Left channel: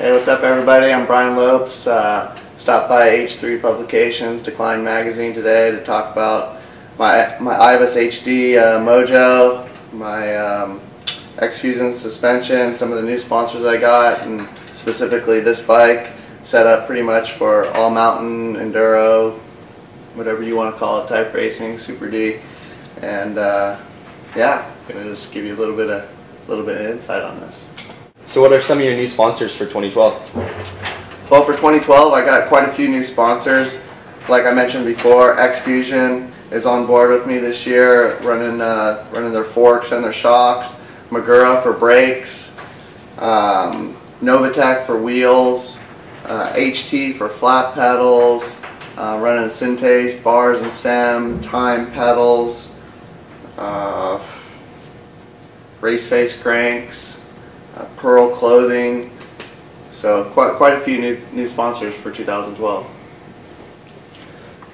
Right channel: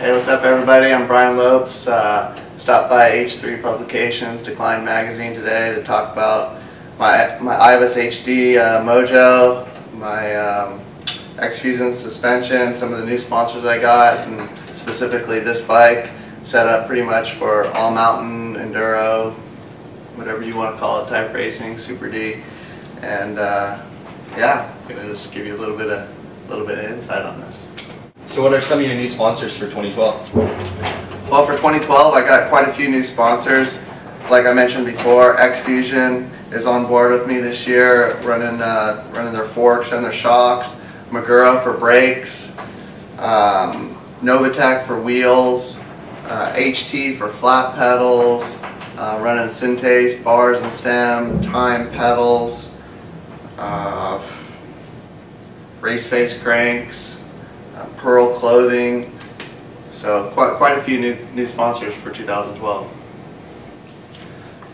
Hey, what's up everybody? I'm BrianLopes. Stopped by H3 Publications, Decline Magazine today to talk about my IVUS HD Mojo, my X-Fusion suspension, some of the new sponsors I got, and specifically this bike set up pretty much for all mountain, enduro, whatever you want to call it, type racing, Super D, and yeah, I'm gonna just give you a little bit of insight on this. So what are some of your new sponsors for 2012? Well, for 2012, I got quite a few new sponsors. Like I mentioned before, X-Fusion is on board with me this year, running their forks and their shocks, Magura for brakes, Novatech for wheels, HT for flat pedals, running Synthase bars and stem, Time pedals, race face cranks, Pearl clothing. So quite a few new sponsors for 2012.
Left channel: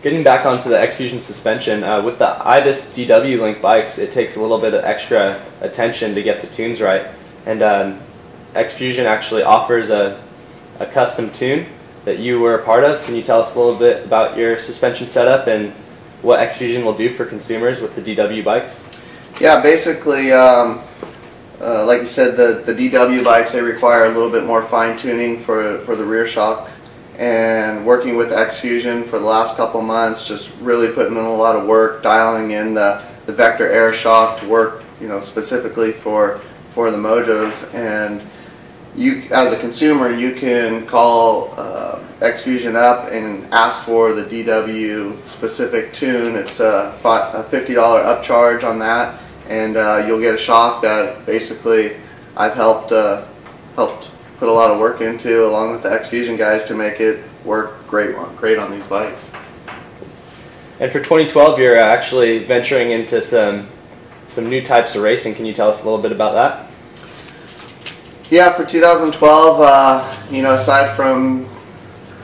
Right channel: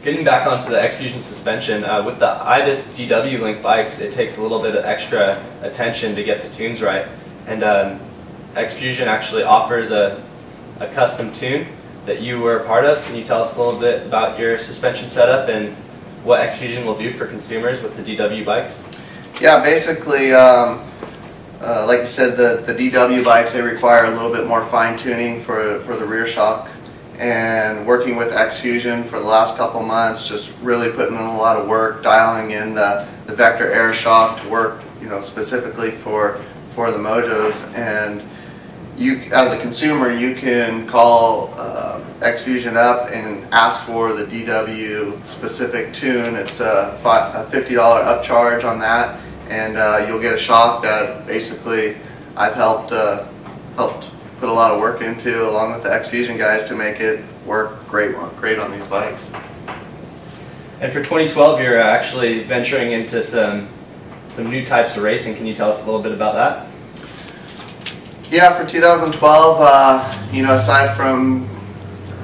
Getting back onto the X-Fusion suspension, with the IVUS DW link bikes, it takes a little bit of extra attention to get the tunes right. And X-Fusion actually offers a custom tune that you were a part of. Can you tell us a little bit about your suspension setup and what X-Fusion will do for consumers with the DW bikes? Yeah, basically, like you said, the DW bikes, they require a little bit more fine-tuning for the rear shock. And working with X-Fusion for the last couple months, just really putting in a lot of work, dialing in the vector air shock to work, specifically for the Mojos. And you, as a consumer, you can call X-Fusion up and ask for the DW specific tune. It's a $50 upcharge on that, and you'll get a shock that basically I've helped put a lot of work into, along with the X-Fusion guys, to make it work great on these bikes. And for 2012, you're actually venturing into some new types of racing. Can you tell us a little bit about that? Yeah, for 2012, aside from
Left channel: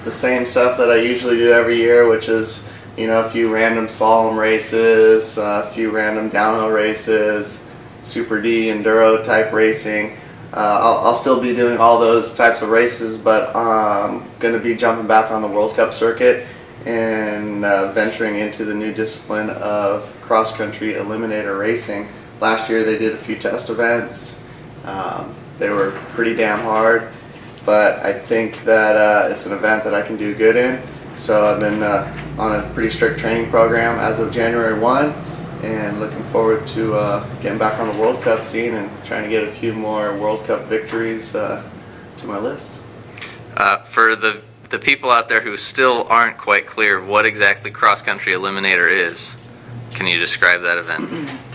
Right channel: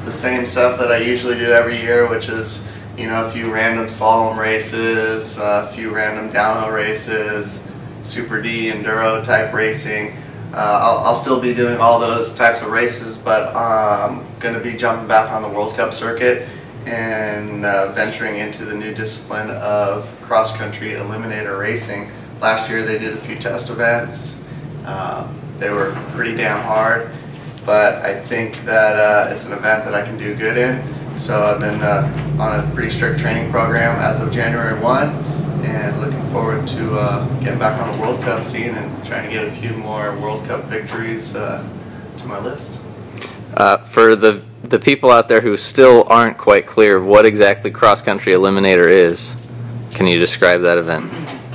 the same stuff that I usually do every year, which is a few random slalom races, a few random downhill races, Super D enduro type racing. I'll still be doing all those types of races, but I'm going to be jumping back on the World Cup circuit and venturing into the new discipline of cross-country eliminator racing. Last year they did a few test events. They were pretty damn hard, but I think that it's an event that I can do good in. So I've been on a pretty strict training program as of January 1. And looking forward to getting back on the World Cup scene and trying to get a few more World Cup victories to my list. For the people out there who still aren't quite clear of what exactly Cross Country Eliminator is, can you describe that event?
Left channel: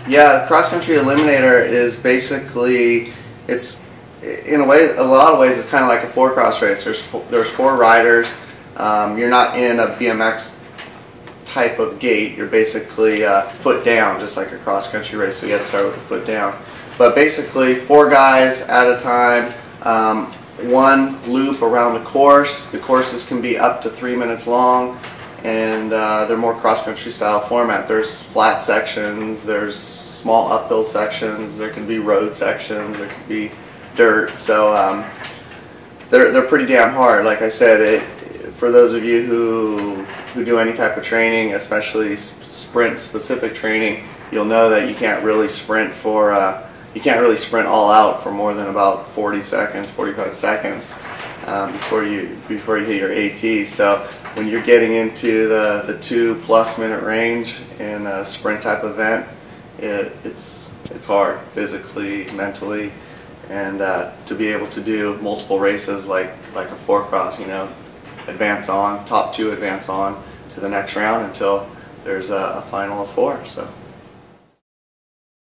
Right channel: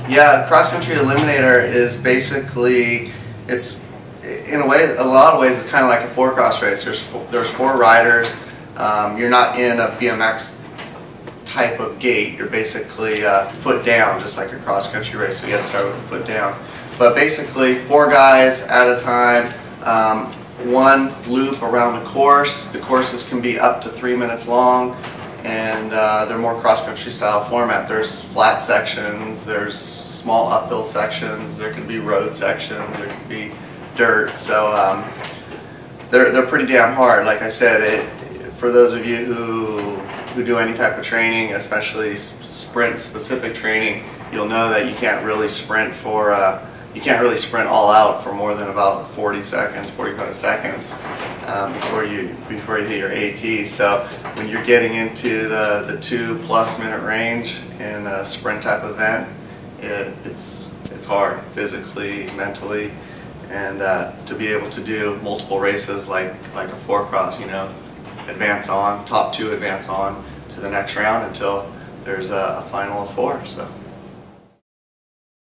Yeah, Cross Country Eliminator is basically, it's in a lot of ways, it's kind of like a four-cross race. There's four riders. You're not in a BMX type of gait. You're basically foot down, just like a cross-country race, so you have to start with the foot down. But basically, four guys at a time, one loop around the course. The courses can be up to 3 minutes long, and they're more cross-country style format. There's flat sections, there's small uphill sections, there can be road sections, there can be dirt, so they're pretty damn hard. Like I said, for those of you who do any type of training, especially sprint specific training, you'll know that you can't really sprint all out for more than about 40 seconds, 45 seconds before you hit your AT. So when you're getting into the 2+ minute range in a sprint type event, it's hard physically, mentally, and to be able to do multiple races like a four-cross, advance on, top two advance on to the next round until there's a final of 4. So